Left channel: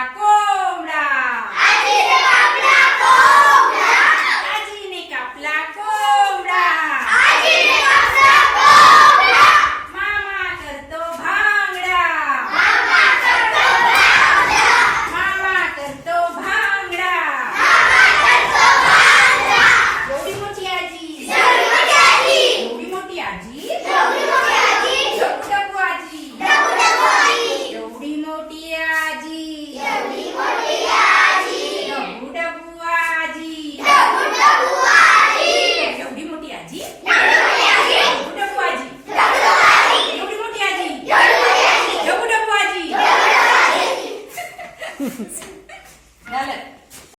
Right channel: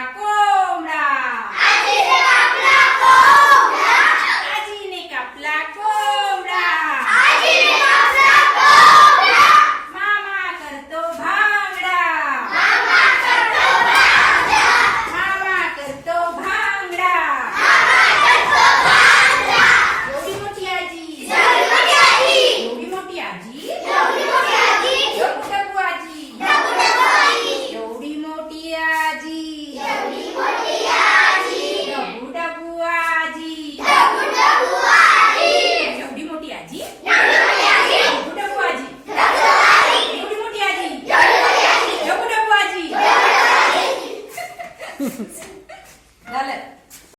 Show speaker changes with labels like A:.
A: Acorda! Gel.